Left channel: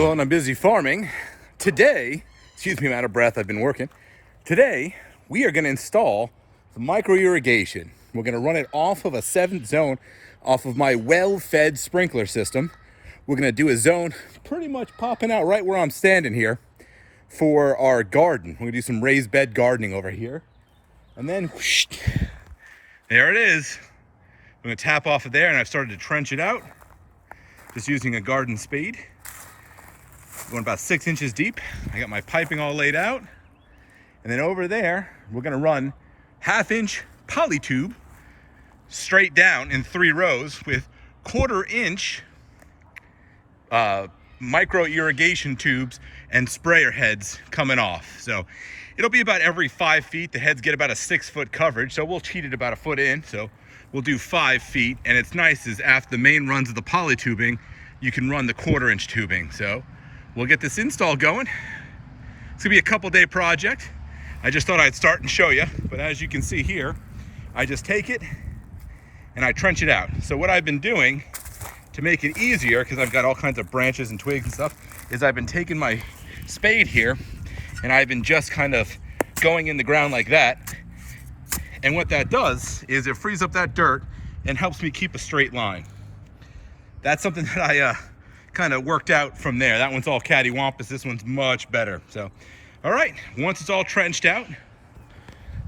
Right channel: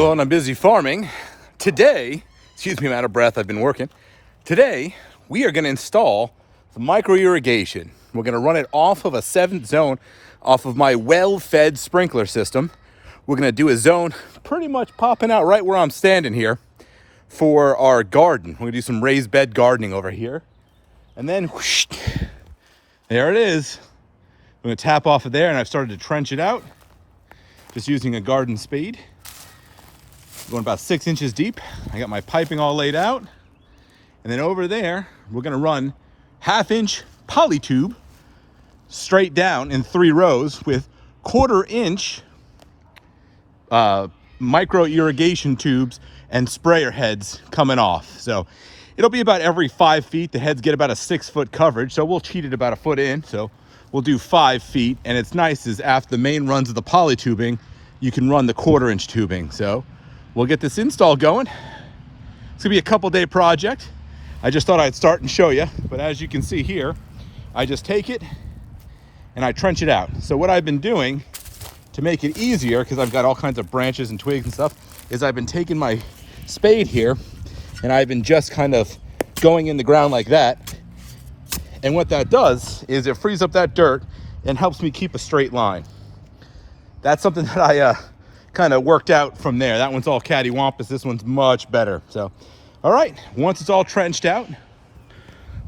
alone, I'm busy farming. Today, excuse me, I'm out of breath, I've been working. Today, we are gonna install the micro irrigation. We're gonna run it off of a 7th zone, off of my well-fed sprinkler system. We're gonna do a zone pretty much popping out right where I'm standing here for our garden. We're gonna do some raised bed gardening over here. And then, whoosh, there it is. I'm gonna tap off of there, and I've started to trench it out, just using a garden spade. Going about 6 inches deep. I got my piping all laid out. And then over there, we're gonna run 1/2-inch poly tube straight down in 3 rows with 1/4-inch micro irrigation tubes and sprayer heads coming off. So it'll be about every 5 feet. The heads get about a 6-foot coverage, so we'll cheat it about a foot in. So we'll do 5 feet. And it's nice is after the main runs of the poly tubing, you can run the 1/4-inch tubing. So we'll get this install going. It's gonna be a couple-day project. I just thought I'd start and show you, but as you can see here, I just take it and I trench it out. So what I've been doing to make it easier, because I've got all kinds of branches and twigs and stuff, is I've been taking my spade here and I've been just kind of going in the ground like that. And what that does is it frees up that dirt and helps me keep a straight line. That's something that I kind of worked out from there. That one's all cattywampus. This one's much better. So, all right, once it's all trenched out,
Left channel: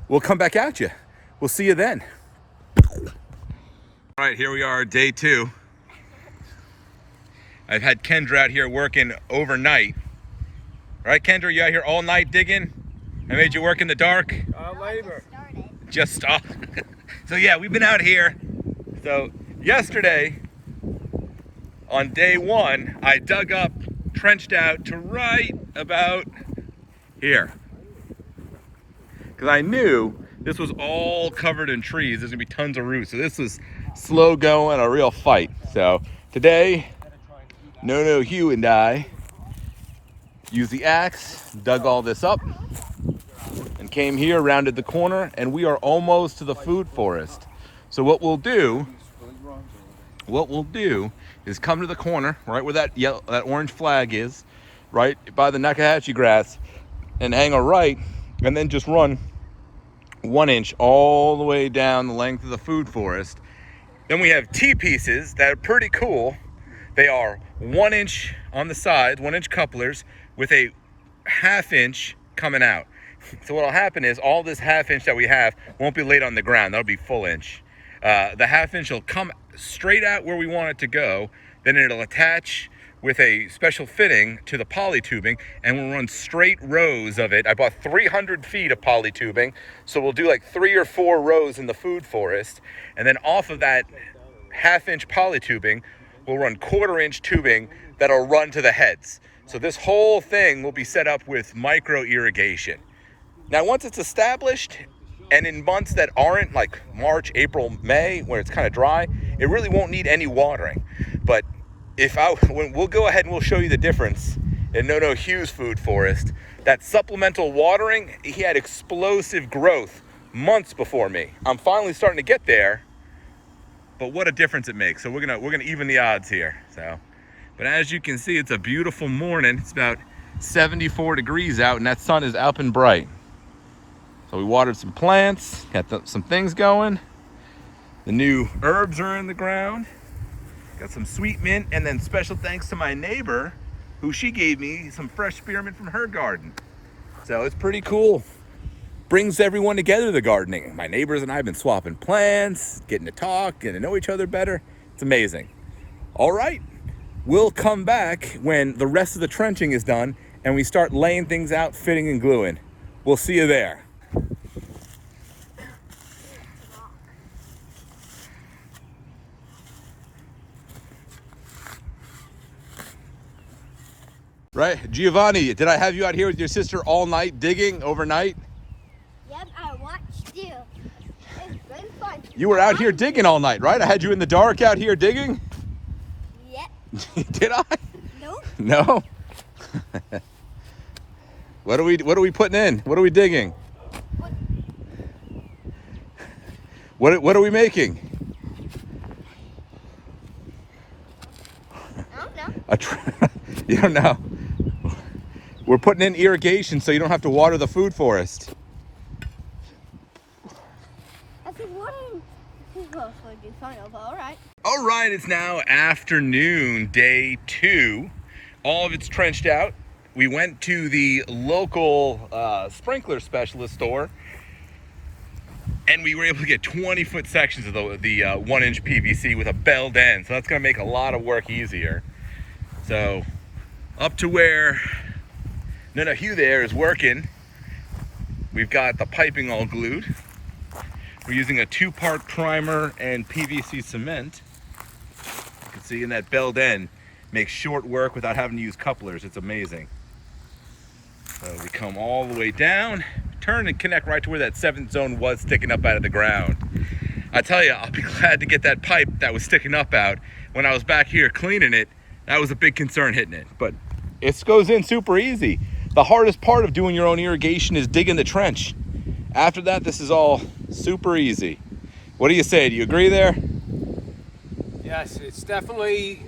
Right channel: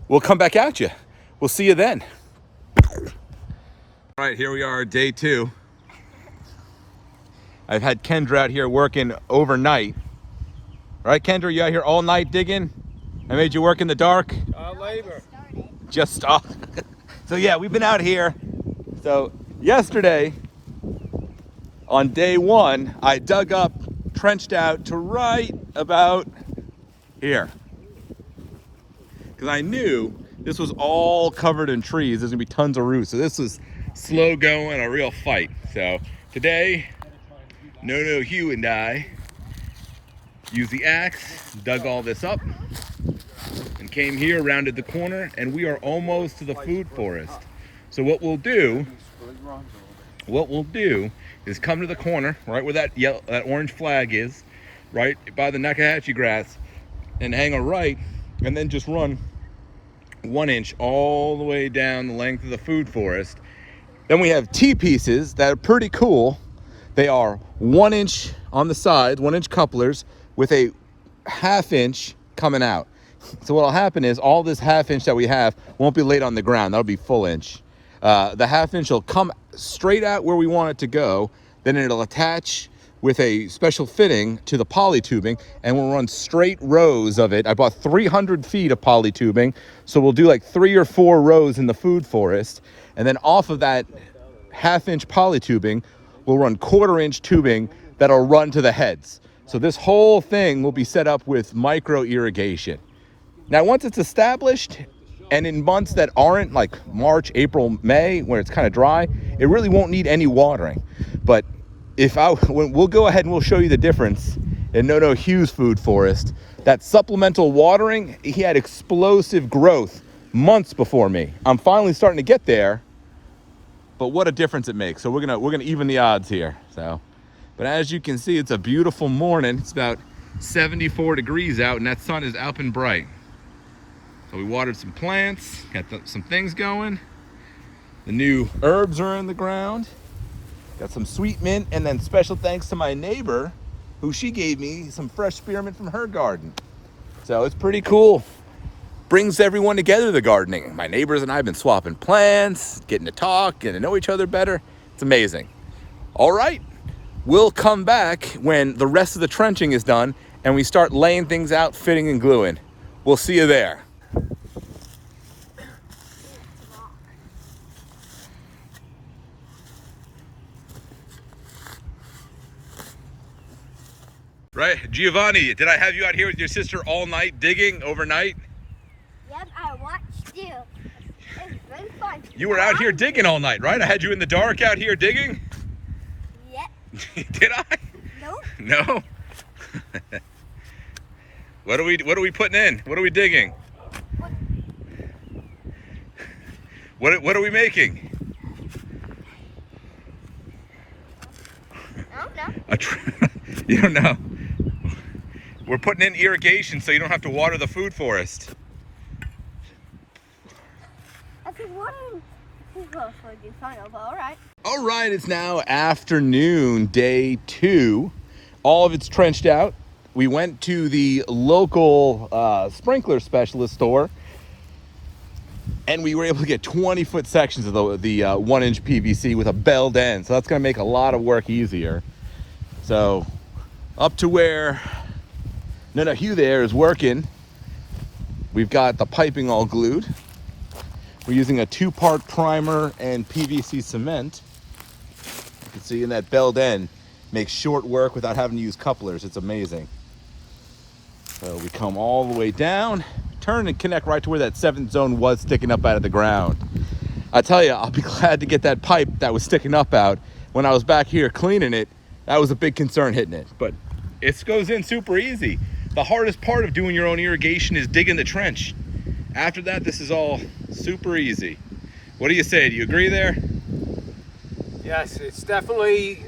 we'll come back at you. We'll see you then. All right, here we are, day 2. I've had Kendra out here working overnight. All right, Kendra, you out here all night digging? I made you work in the dark? Labor. Just stop. So yeah, we've been out here. So yesterday, on day 1, I dug up, trenched out to right about here. Because I knew this was all covered in trees. There's gonna be tons of roots. So this was slow going, a real fight. So today, No Hugh and I used the axe, dug all this up, and came here, rounded the corner, and we are almost to the food forest. So what we'll do is come to the corner, right where that orange flag is, right by the Nakahatchee grass, and hang a right, and then just run 1 inch all the way down the length of the food forest. Then we have T-pieces that are pretty cool. They are 1 inch on the side, 1-inch couplers with a 1/2 inch coming out. So what'll happen is all this 1/2 inch that we have won't be laid on the ground. That'll be full inch. The 1/2 inch will come straight out where we want it to go. Then it'll attach with a special fitting to the poly tubing, and we'll run straight rows of it. I bought 300 feet of poly tubing, so we'll do like 3 or 4 rows in the food forest. And then off of that 1/2 inch poly tubing, we'll run 1/4-inch tubing that'll run to the heads. So this whole thing will be set up with micro irrigation. Now, once it's established, and in months that aren't like March, April, May, when it's kind of dry, it really won't need any watering. But we'll go ahead and we'll show you the difference in No Hugh's food forest. That supplemental watering, he had explosive growth months before me. I'm finally starting to get there, but what a difference it makes. So we're gonna even the odds here. So, but as you can see, it's a beautiful morning. It's about 74 degrees out, and that sun is up and bright. So we watered some plants, got some things going. The new herbs are in the ground. Got some sweet mint, and then special thanks to my neighbor, who she gave me some fresh spearmint from her garden. So it's pretty cool. Brings everyone together, the gardening. My neighbors and I have been swapping plants, getting to talk, getting to know each other better. It's amazing. All right, we'll come back when the rest of the trenching is done and we start laying things out, fitting and gluing. We'll see you there. Right, Giovanni, did I have you out here with your sister all night digging overnight? Yep, I watched you. It's been fun. You were out here digging all night, right? I had you in the dark out here digging? Yep. Did I? Nope. No? What are we putting in? What are we digging? What are we making? I don't know. You don't know. We're putting in irrigation so you don't have to water the food forest. I think one would do fine, but all right. All right, it's now afternoon, day 2. All of it's trenched out. We went to the local sprinkler specialist store, and we were able to get 20-foot sections of the 1-inch PVC with a belled end. So that's going to make a lot of work easier. So up to where Hugh there is working, we've got the piping all glued. We're using a 2-part primer and PVC cement. You can see in that belled end makes short work without having to use couplers. It's amazing. So we come all the way down, turn and connect right to where that 7th zone was sticking up out of the ground. I tell you, I'll be glad to get that pipe that was sticking up out. When I was back here cleaning it, that was a big concern hitting it, but it goes in super easy. The hardest part of doing your own irrigation is digging the trench. After that, this is all super easy. What do you say? Do you agree there? Yes, it's definitely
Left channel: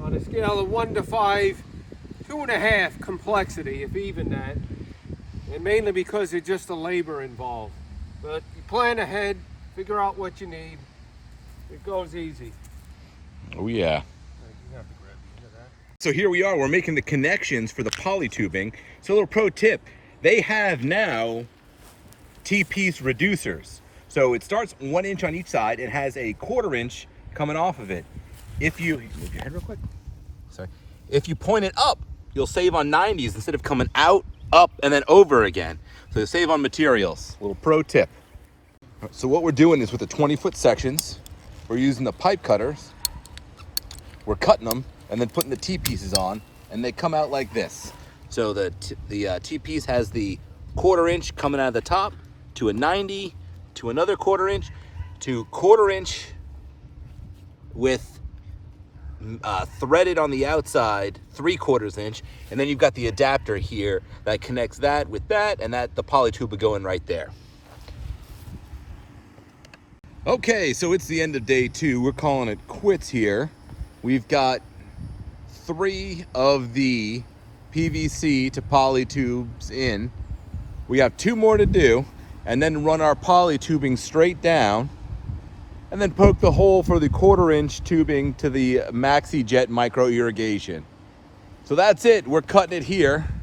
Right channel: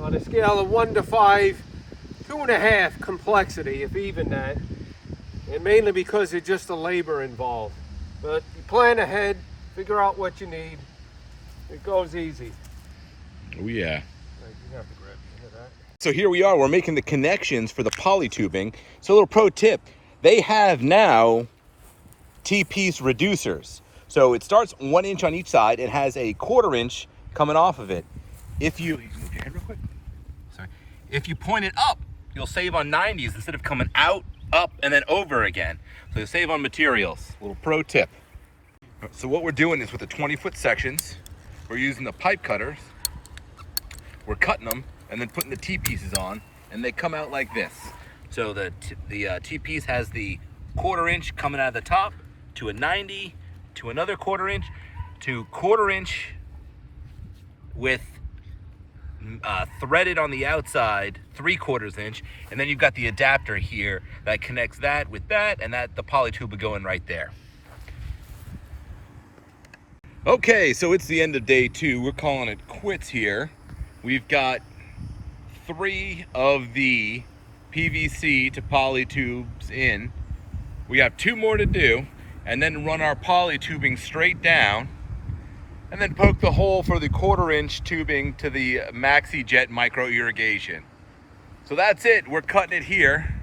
on a scale of 1 to 5, 2.5 complexity, if even that. And mainly because it's just the labor involved. But you plan ahead, figure out what you need. It goes easy. Oh yeah. You have to grab the end of that. So here we are, we're making the connections for the poly tubing. So a little pro tip, they have now T-piece reducers. So it starts 1 inch on each side. It has a 1/4 inch coming off of it. If you move your head real quick. Sorry. If you point it up, you'll save on 90s instead of coming out, up, and then over again. So you save on materials. A little pro tip. So what we're doing is with the 20-foot sections, we're using the pipe cutters. We're cutting them and then putting the T-pieces on, and they come out like this. So the T-piece has the 1/4 inch coming out of the top, to a 90, to another 1/4 inch, to 1/4 inch with threaded on the outside, 3/4 inch, and then you've got the adapter here that connects that with that, and that the poly tube will go in right there. Okay, so it's the end of day 2. We're calling it quits here. We've got 3 of the PVC to poly tubes in. We have 2 more to do, and then run our poly tubing straight down, and then poke the hole for the 1/4 inch tubing to the Maxi Jet micro irrigation. So that's it, we're cutting it here.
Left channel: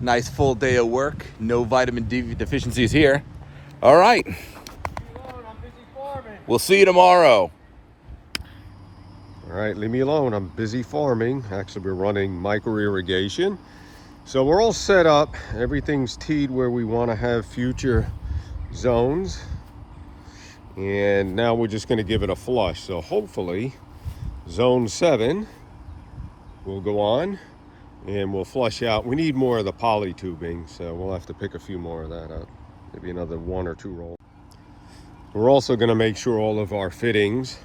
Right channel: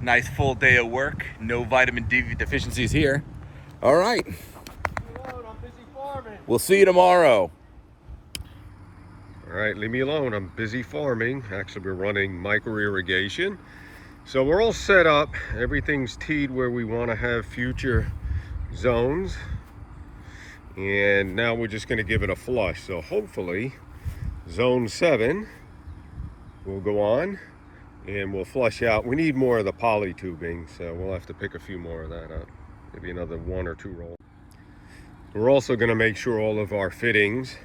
Nice full day of work, no vitamin D deficiencies here. All right, we'll see you tomorrow. All right, leave me alone. I'm busy farming. Actually, we're running micro irrigation. So we're all set up. Everything's teed where we want to have future zones. And now we're just going to give it a flush. So hopefully zone 7 will go on and we'll flush out. We need more of the poly tubing, so we'll have to pick a few more of that up. Maybe another 1 or 2 rolls. We're also going to make sure all of our fittings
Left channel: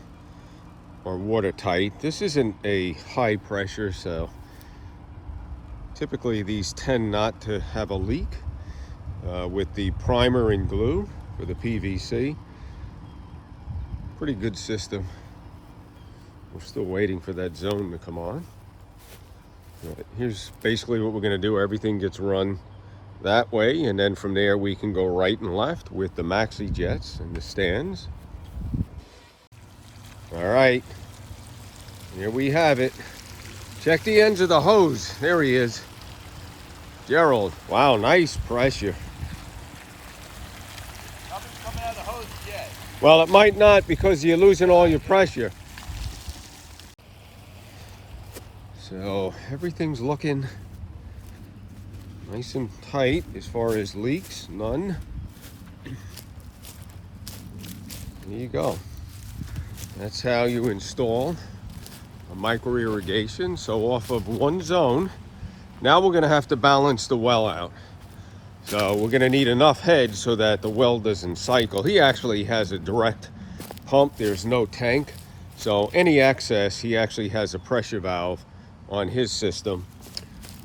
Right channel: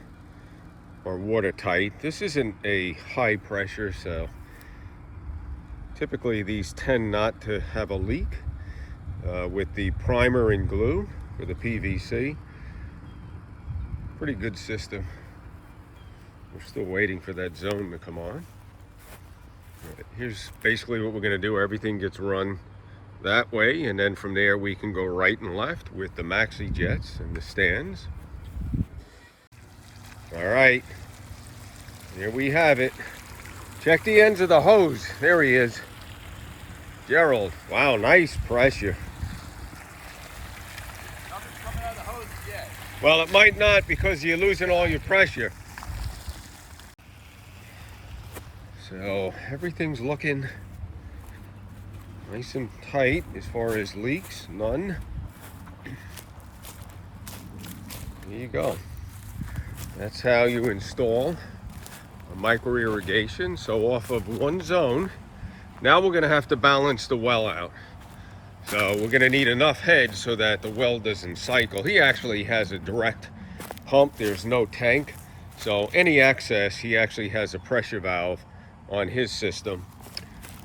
are watertight. This isn't a high pressure, so typically these tend not to have a leak with the primer and glue for the PVC. Pretty good system. We're still waiting for that zone to come on. Here's basically what we're going to do. Everything gets run that way, and then from there we can go right and left with the Maxi Jets and the stands. All right, here we have it. Check the ends of the hose. There he is. Gerald, wow, nice pressure. Nothing's coming out of the hose yet. Well, it might not because you're losing all your pressure. So everything's looking nice and tight as far as leaks, none. There you go. That's how you install a micro irrigation. So off of one zone, now we're gonna have to balance the well out. So we're gonna need enough head so that the well doesn't cycle. He actually has a direct pump, there's no tank. So any excess, he actually has a pressure valve on his system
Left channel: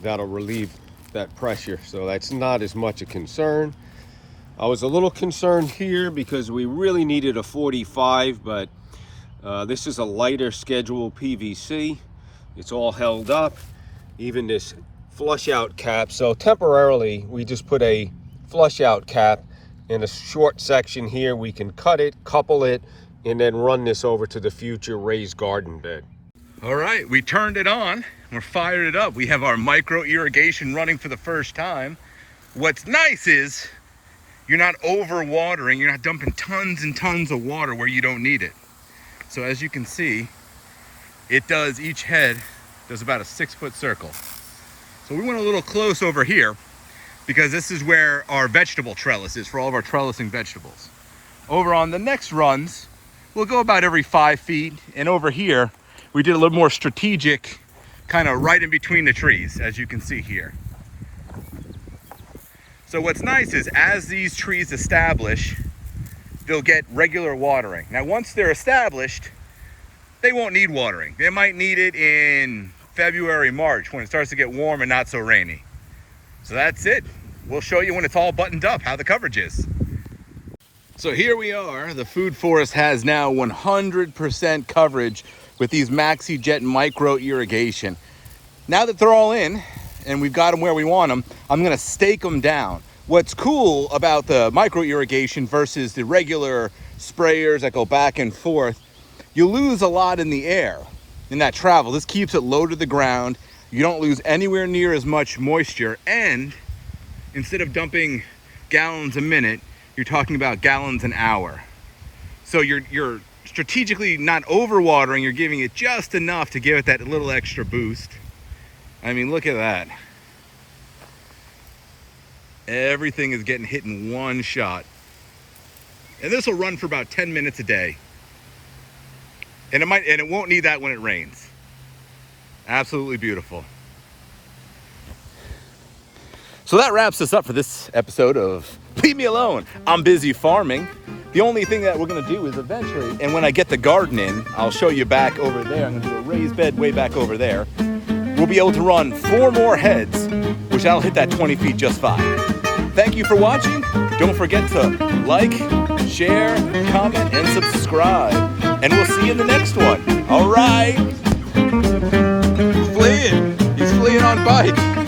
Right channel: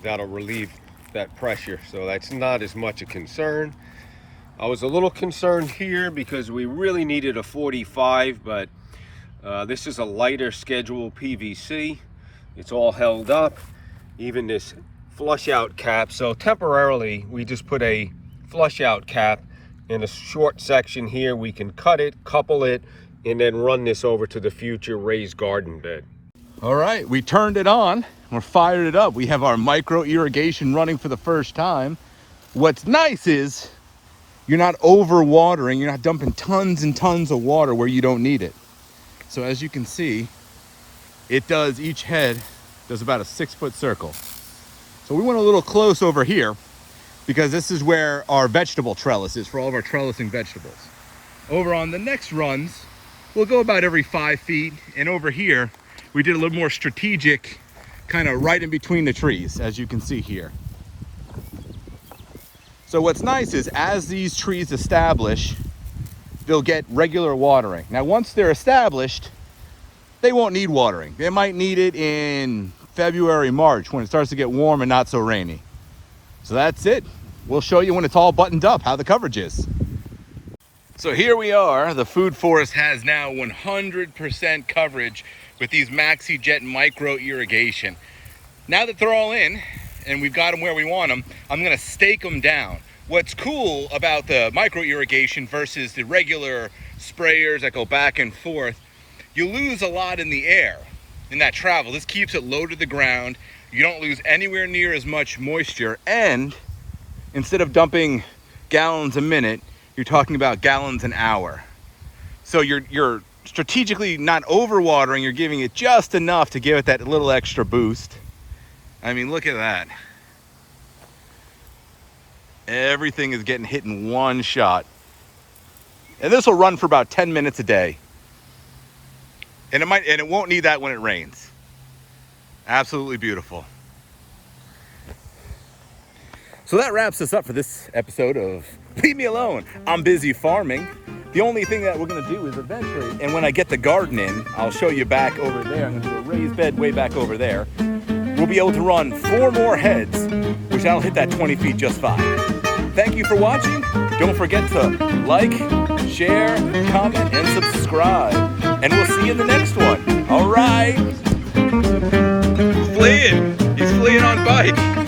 that'll relieve that pressure. So that's not as much a concern. I was a little concerned here because we really needed a 45, but this is a lighter schedule PVC. It's all held up, even this flush out cap. So temporarily, we just put a flush out cap in a short section here. We can cut it, couple it, and then run this over to the future raised garden bed. All right, we turned it on. We're fired it up. We have our micro irrigation running for the first time. What's nice is you're not over watering. You're not dumping tons and tons of water where you don't need it. So as you can see, it does, each head does about a 6-foot circle. So we went a little close over here because this is where our vegetable trellis is for all of our trellising vegetables. Over on the next runs, we'll go about every 5 feet. And over here, we did a little more strategic, kind of right in between the trees, as you can see here. So what's nice is as these trees establish, they'll get regular watering. Now, once they're established, they won't need watering. They might need it in February, March, when it starts to get warm and not so rainy. So that's it. We'll show you when it's all buttoned up, how the coverage is. So here we are. The food forest has now 100% coverage with these MaxiJet micro irrigation. Now that they're all in and we've got them where we want them, I'm gonna stake them down. What's cool about the micro irrigation versus the regular sprayers that go back and forth, you lose a lot in the air in that travel. This keeps it low to the ground. You don't lose anywhere near as much moisture, and instead of dumping gallons a minute, you're talking about gallons an hour. So you're strategically not overwatering, you're giving it just enough to give it that little extra boost. I mean, look at that. Everything is getting hit in one shot. And this will run for about 10 minutes a day. And it won't need that when it rains. Absolutely beautiful. So that wraps us up for this episode of Leave Me Alone. I'm busy farming. The only thing that we're gonna do is eventually, and when I get the garden in, I'll show you back over there. I'm gonna do a raised bed way back over there. We'll be able to run 4 more heads, which I'll hit that 20 feet just fine. Thank you for watching. Don't forget to like, share, comment, and subscribe. And we'll see you in the next one. All right. He's fleeing on bike.